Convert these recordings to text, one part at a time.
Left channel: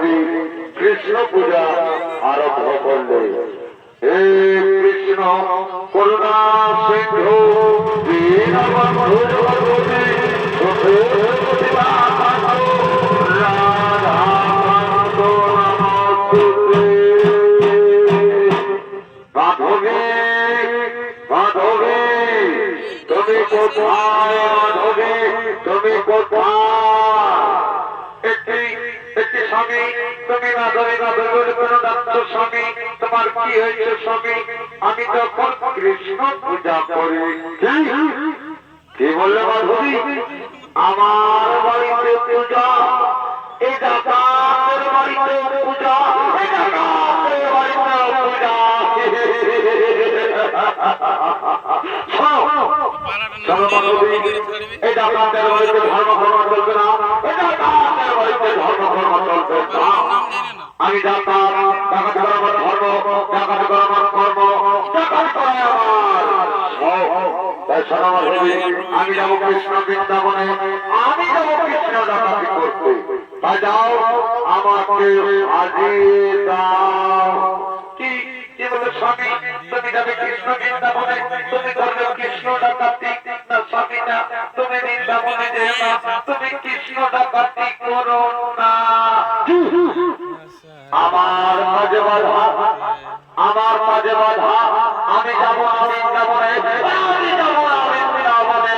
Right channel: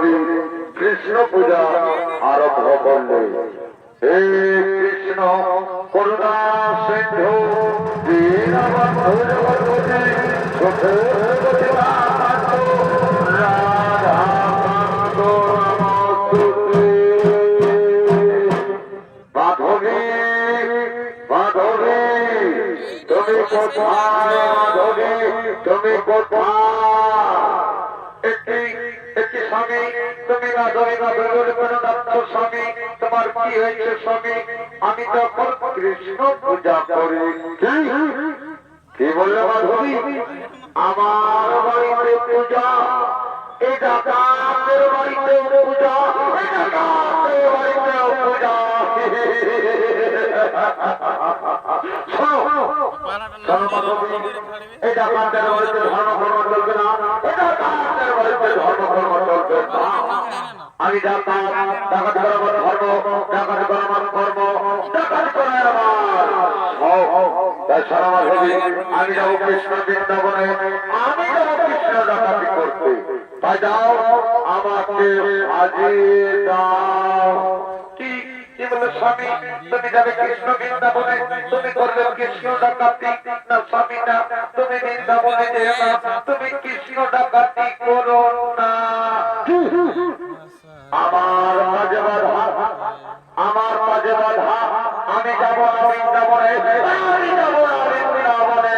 মাধবী কৃষ্ণ পূজা আরম্ভ করলে। হে কৃষ্ণ করুণা সিন্ধু দীনবন্ধু জগৎপতি রাধাকান্ত নমস্তুতে। মাধবী মাধবী তুমি কোথায়? মাধবী তুমি কোথায়? একটি স্বামী তুমি না ধরে না ধরে কোনো ডাক্তার স্বামী তোমার কি হয়েছে স্বামী? আমি তখন কৃষ্ণ পূজা করি। কি বললো মাধবী? আমার বাড়িতে পূজা, এই ডাকাতের বাড়িতে পূজা, এই ডাকাতের বাড়িতে পূজা। শোনো মাধবী, এই ডাকাতের বাড়িতে ধর্ম কর্ম চলবে না, এই ডাকাতের বাড়িতে ধর্ম কর্ম চলবে না। আমি ডাকাত, ডাকাত করা আমার ধর্ম, ডাকাত করা আমার কর্ম, ডাকাত করা আমার। তাই শোনো মাধবী, আমি যাবো কৃষ্ণ বৃন্দাবনে, আমি যাবো কৃষ্ণ ডাকাতি করতে। তাই যাও আমাকে হাজির দাও। কি বলে স্বামী? তুমি যাবে কৃষ্ণ বৃন্দাবনে, তুমি করবে কৃষ্ণ ডাকাতি না স্বামী না, তুমি বৃন্দাবনে যেও না, তুমি কৃষ্ণ ডাকাতি করো না। আমার কাজে বাধা, আমার কাজে বাধা। আমি যাবো না বৃন্দাবনে, আমি যাবো না বৃন্দাবনে।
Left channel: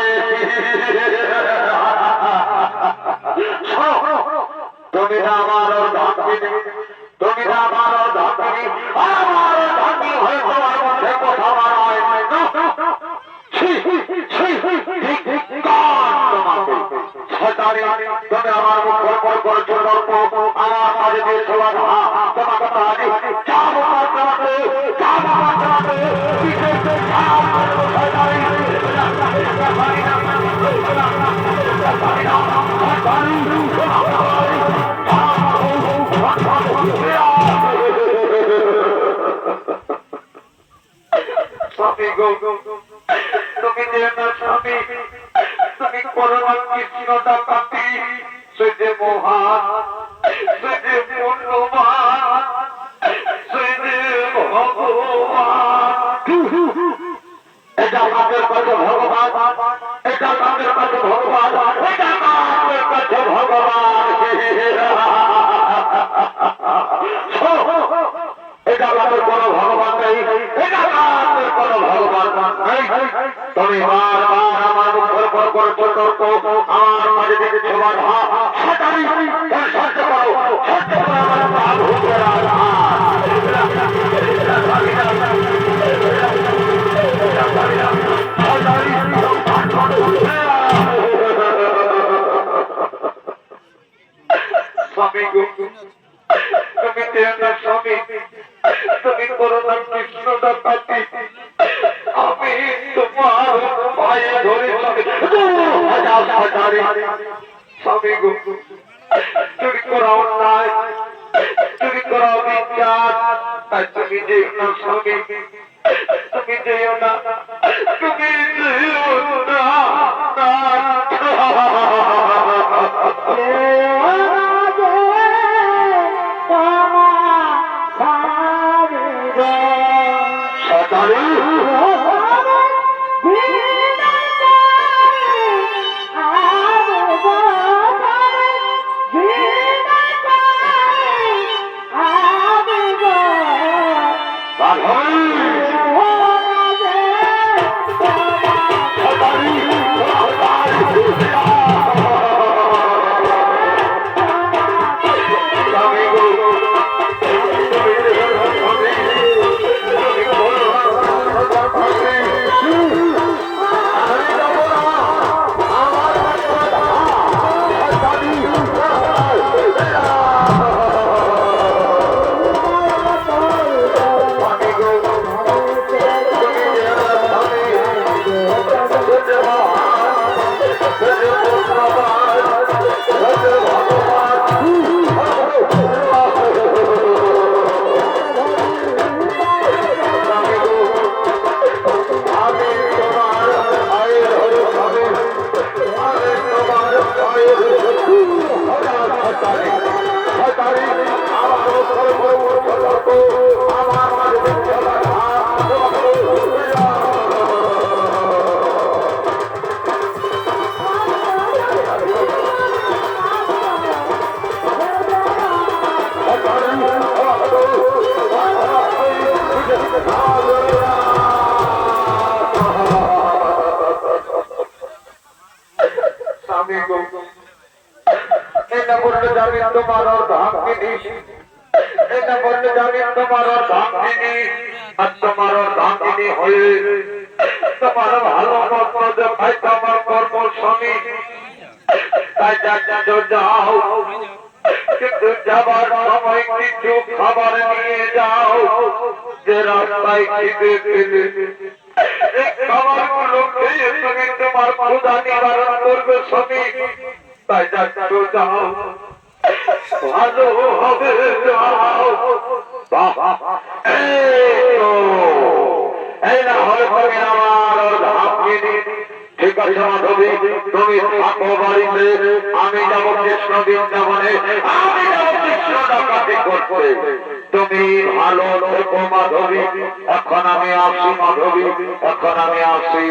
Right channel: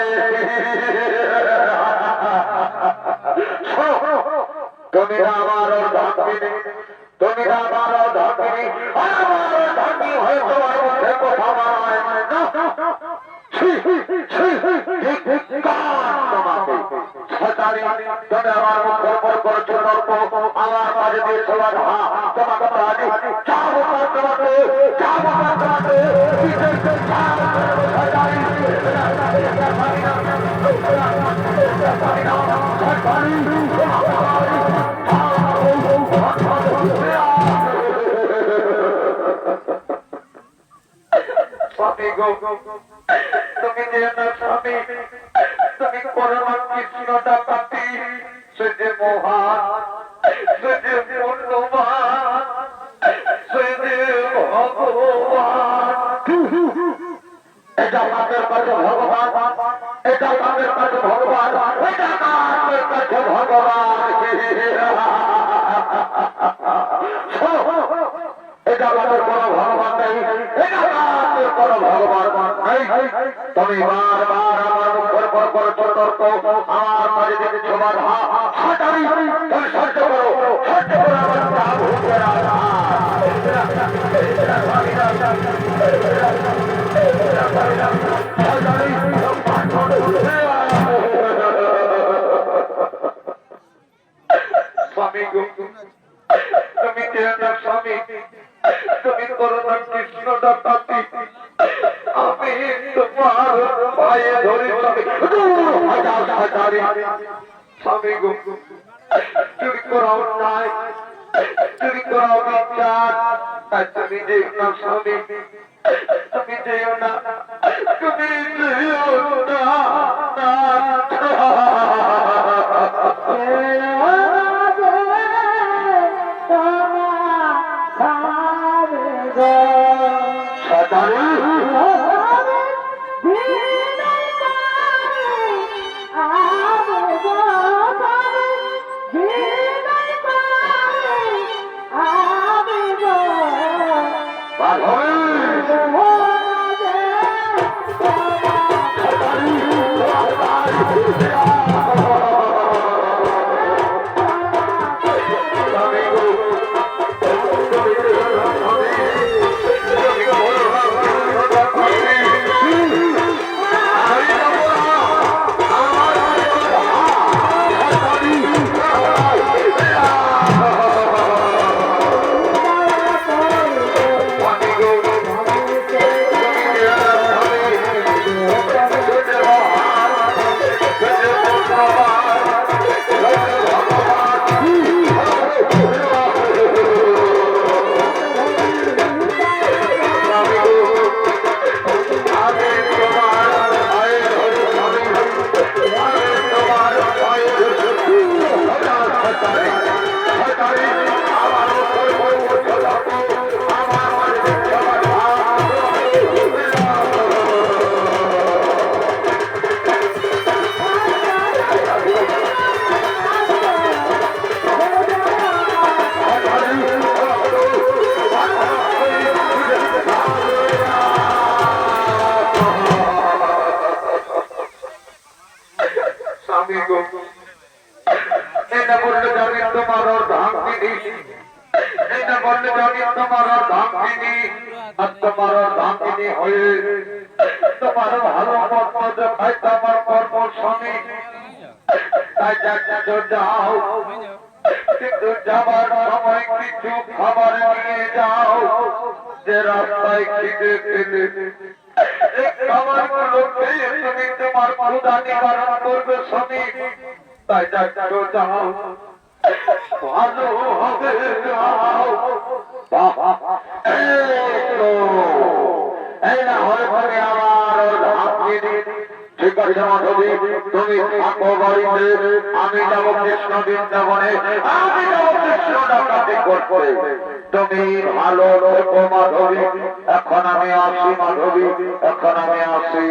তুমি না আমার ধাকিনী, তুমি না আমার ধাকিনী, আমার ধাকি হয়ে তোমার মধ্যে কথা বাড়ায় না। তুমি আমার মুখের পর করছো তর্ক, আমার কাজে দিয়েছো বাধা। তোমাকে পারি যাবো তোমাকে, যাবো তোমাকে, স্বামী গো, তুমি যে না স্বামী, তুমি পরমা কৃষ্ণ ডাকাতি, সে যে মহান, সে যে মূল্যবান, সে যে ভগবান। এটা আমাদের কাছে ভগবান, এটা আমাদের কাছে ভগবান, এটা আমাদের কাছে ভগবান। এটা আমাদের কোনো ভগবান নেই, এটা আমাদের কোনো ভগবান নেই। তুমি বারবার আমার মুখের পর করছো তর্ক, আমার মাঝে দিচ্ছো বাধা। সেটাই সহ্য করো, সহ্য করো আমার প্রাভু। স্বামী গো, তুমি যেও না স্বামী, তুমি করো না কৃষ্ণ ডাকাতি। আমি তোমার পায়ে ধরে স্বামী গো, তুমি করো অন্যায়, তুমি করো বিজ্ঞান। তাই তুমি যেও না স্বামী, তুমি যেও না, তুমি যেও না। আমি গো এই না বললে যাবি তোমার ধাম কিনি এই না বললে যাবি তোমার ধাম কিনি আর তোমার ধাম কিনি হয়ে তোমার ভালো মত দেখাই তোমার কর্ম স্বামী তাই যাও কিন্তু যাবার সময় কিছু খাবার নিয়ে যাও যে রাস্তায় খিদে পেলে খাবার গুলো খেয়ে তুমি তোমার ক্ষুধা নিবারণ করবে স্বামী তাই যাও ভালো হবে যাও এই না হলে তুমি আমার ধাম কিনি ঠিক আছে মাধবী তুমি থাকো বাড়িতে আমি যাবো কৃষ্ণ বৃন্দাবনে আমি যাবো কৃষ্ণ ডাকাতি করতে তুমি ভালো থেকো মাধবী এখন আমি আসি মাধবী এখন আমি আসি